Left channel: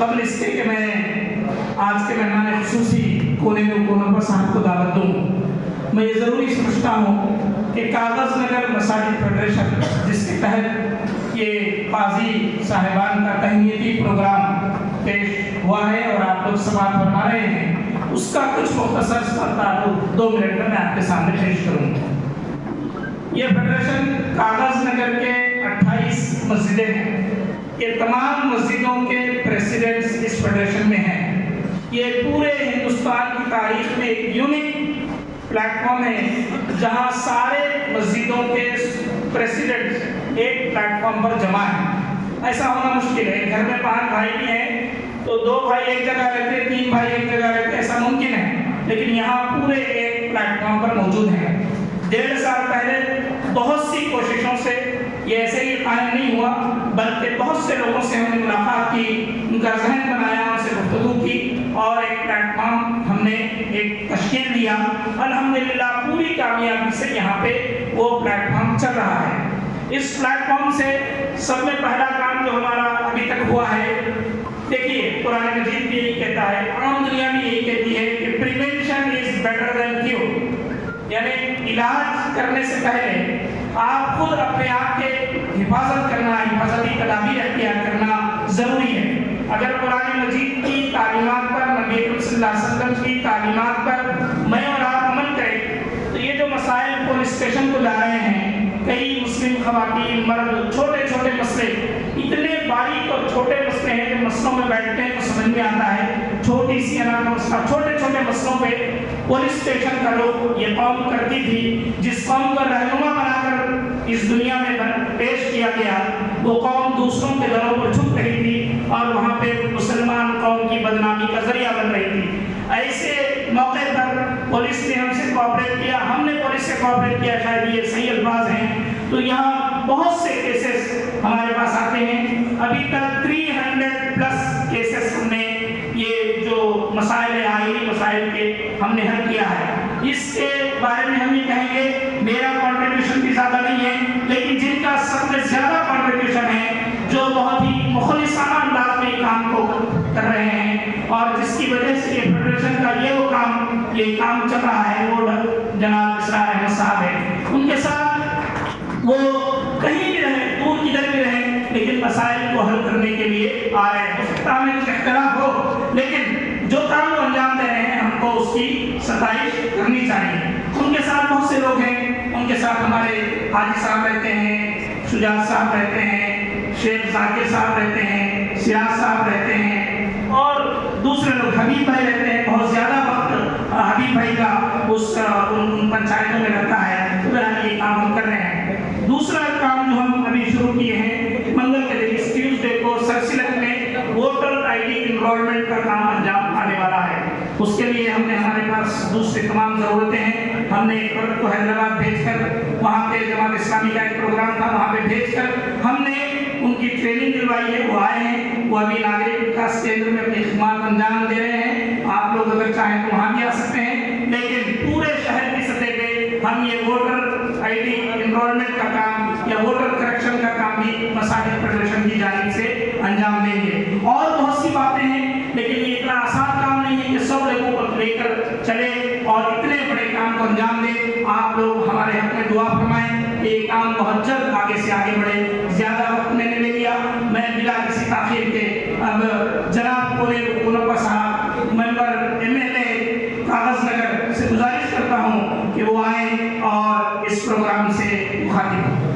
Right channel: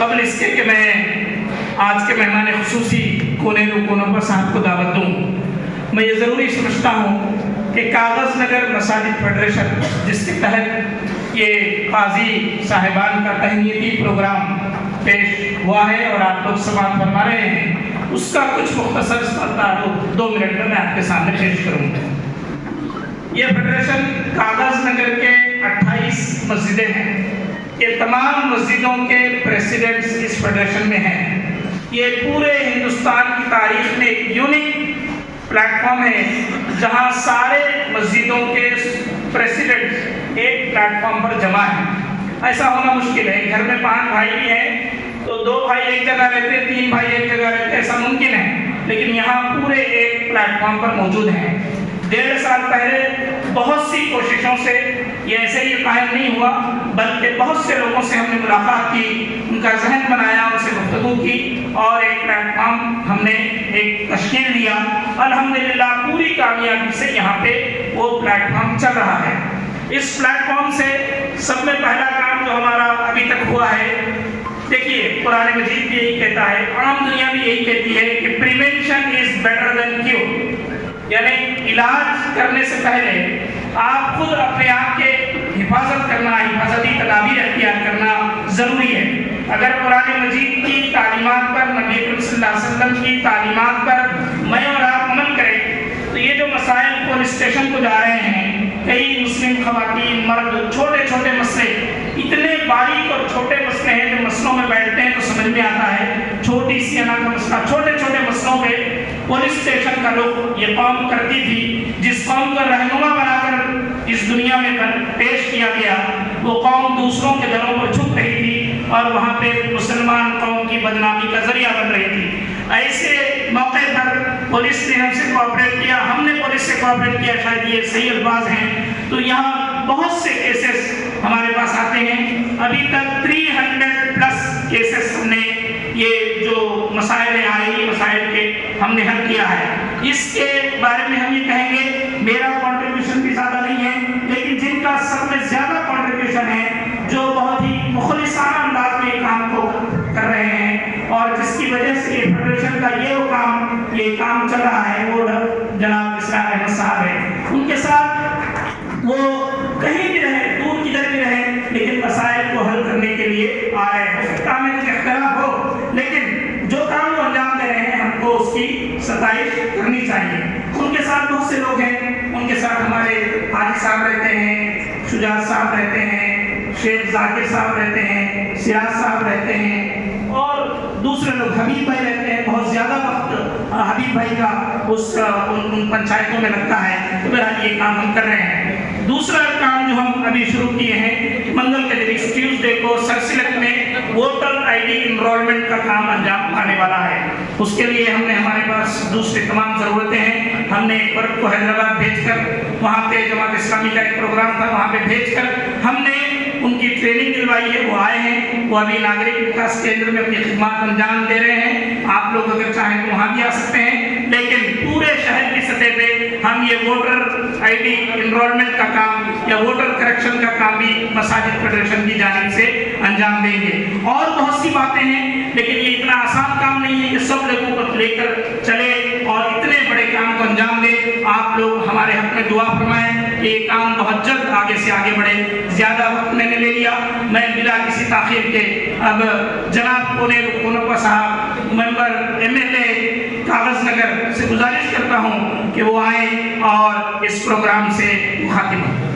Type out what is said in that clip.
قبل اس کے کہ میں آج کے مہمان خصوصی کونپا صاحب کو دعوت دوں، میں یہ ضروری سمجھتا ہوں کہ کاغذ نگر مساجد فیڈریشن جس کے تحت یہ قاضی صاحبان کا تہنیتی پروگرام پیش ہوا ہے اور آپ لوگ سماعت فرما رہے ہیں، اس کا کچھ مختصر تعارف 2 منٹ میں آپ کے سامنے پیش کروں گا۔ یہ فیڈریشن کاغذ نگر کے 28 مسجدیں ہیں، یہ تمام مسجدوں کے پریزیڈنٹس اس فیڈریشن میں ہیں۔ یہ پورے ہندوستان کی تاریخ میں ایک یونیک پلیٹ فارم ہے جہاں سارے مسجدوں کے پریزیڈنٹ ایک پلیٹ فارم پر جمع ہیں۔ ایسا ہونا مشکل ہے، گھر میں 5 بھائی بھی ہیں تو 2 بھائی ایک جگہ رہتے، 3 بھائی ایک جگہ رہتے، ایسا ممکن ہے، لیکن یہاں پورے ایک پلیٹ فارم پر موجود ہیں۔ 1.5 سال پہلے بہت سی کوششوں سے یہ ایسے ہی قائم نہیں ہوا، بلکہ بہت سے لوگوں سے ہم نے ملاقات کی، ان کا ذہن بنایا، ان سے گفتگو کی اور ایک پلیٹ فارم ہم نے ایک تشکیل دیا۔ الحمدللہ پوری کامیابی سے یہاں پہ وہ پلیٹ فارم چل رہا ہے۔ اس پلیٹ فارم سے سب میں پہلا کام جو ہمارا ابھی تک ہوا ہے، دیکھیے قرآن مجید بھی یہی کہتا ہے، عام دنیا بھی یہی کہتی ہے کہ prevention is better than cure, یعنی علاج کرنے سے پہلے آپ خود اپنے آپ کے حفاظت کرنا، حفاظتی تدابیر اختیار کرنا ضروری ہے۔ اگر قرآن مجید کی تعلیمات پر، نبی اکرم صلی اللہ علیہ وسلم کی تعلیمات پر میں اور آپ عمل کریں تو یہ جو مسائل پولیس اسٹیشن کو جا رہے ہیں، کئی مسلم خواتین، مرد، چھوٹے چھوٹے مسئلے، اتنے باریک اور چھوٹے مسئلے ہیں جو مسئلوں میں بیٹھتے ہیں تو سمجھ میں آتا ہے، چھوٹی سی کا مسئلہ، چھوٹے چھوٹے مسئلوں پہ پولیس اسٹیشن کا رخ یہ قوم کرتی تھی۔ جس قوم کو رہنما بنا کر اس دنیا میں پیش کیا گیا، وہ قوم دوسروں کے دروں پر چھپ رہی تھی اور وہاں پہ مسلمان قوم کی بدنامی کا ذریعہ بن رہی تھی۔ ایسے موقع پر پولیس نے ہم سے کوآپریٹ کیا، ہم نے پولیس سے کوآپریٹ کیا، شاید یہ صحیح الفاظ ہیں، تو یہاں بہت سے کیسز ہمارے پاس آتے ہیں۔ ابھی تک 300+ کیسز ہم نے یہ جو مسائل آئینی مسائل کے ہم نے حل کیا ہے۔ اس کے بارے میں ہم یہ کہیں گے میرا کنٹریبیوشن بھی زیادہ نہیں ہے، لیکن جن کا سب میں زیادہ کنٹریبیوشن ہے، جو بہت ہی مخلصانہ انداز میں کام کو کر رہے ہیں اور جس کی وجہ سے یہ فیڈریشن کا یہ کام چل رہا ہے، وہ جناب اسرار احمد صاحب ہیں۔ ان کے ساتھ وہ کہیں بھی رہے، دور کدھر بھی رہے، لیکن مسائل کو حل کرنے کے لیے آ رہے ہیں۔ ہو سکتا ہے میں اختلاف ہو، لیکن جو کام وہ انجام دے رہے ہیں ہم کو اس کی ستائش کرنی چاہیے۔ ان کے ساتھ بہت سے لوگ ہیں، ان کے ساتھ ہمارے حاجی صاحب رہتے ہیں، شجاعت صاحب رہتے ہیں، شیخ ذاکر صاحب رہتے ہیں، سیاض صاحب رہتے ہیں اور دوسرے لوگ، حبیب بھائی رہتے ہیں۔ بہت زیادہ وقت حبیب بھائی کا ان پنچایتوں میں لگتا ہے، تو بہرحال یہ کام ہم کر رہے ہیں۔ دوسرا کام جو ہم ابھی شروع کیے ہیں، منگل کے دن ٹیوزڈے کو سرسلک میں ووٹر آئی ڈی انرولمنٹ کا کام انجام آنے والا ہے۔ اس کے لیے ہم نے ہمارے پاس دوسری تمام ضرورتیں ہیں۔ ہم نے ایک فرد کو حیدرآباد بھیج کر، وہاں پہ جماعت اسلامی کا ایک پروگرام تھا، وہاں پہ بھیج کر ہم نے ان کی ٹریننگ دلوائی ہے، وہ آئے ہیں، وہ ابھی ناگرک وکاس کیندر میں اپنی خدمات انجام دے رہے ہیں۔ آپ لوگ اگر چاہیں تو وہاں بھی آ سکتے ہیں، لیکن پورے شہر کی سطح پہ ہم یہ ووٹر آئی ڈی انرولمنٹ کا کام یا ووٹر کریکشن کا کام بھی مساجد فیڈریشن کی جانب سے انجام دیں گے۔ اور بہت سی باتیں ہیں، لیکن یہ اتنا آسان کام نہیں ہے کہ سب لوگوں کو لے کر چلے اور اتنے بڑے کام کو انجام دیں۔ آپ لوگ ہمارے حق میں دعا فرمائیں کہ یہ کام بہت جلد آگے سے آگے بڑھے۔ زیادہ وقت میں نے لے لیا، میں بلا کسی تاخیر کے اب جناب کونپا صاحب ممبر MLA کاغذ نگر سے گزارش کرتا ہوں کہ وہ آئیں اور اس پروگرام سے مخاطب ہوں۔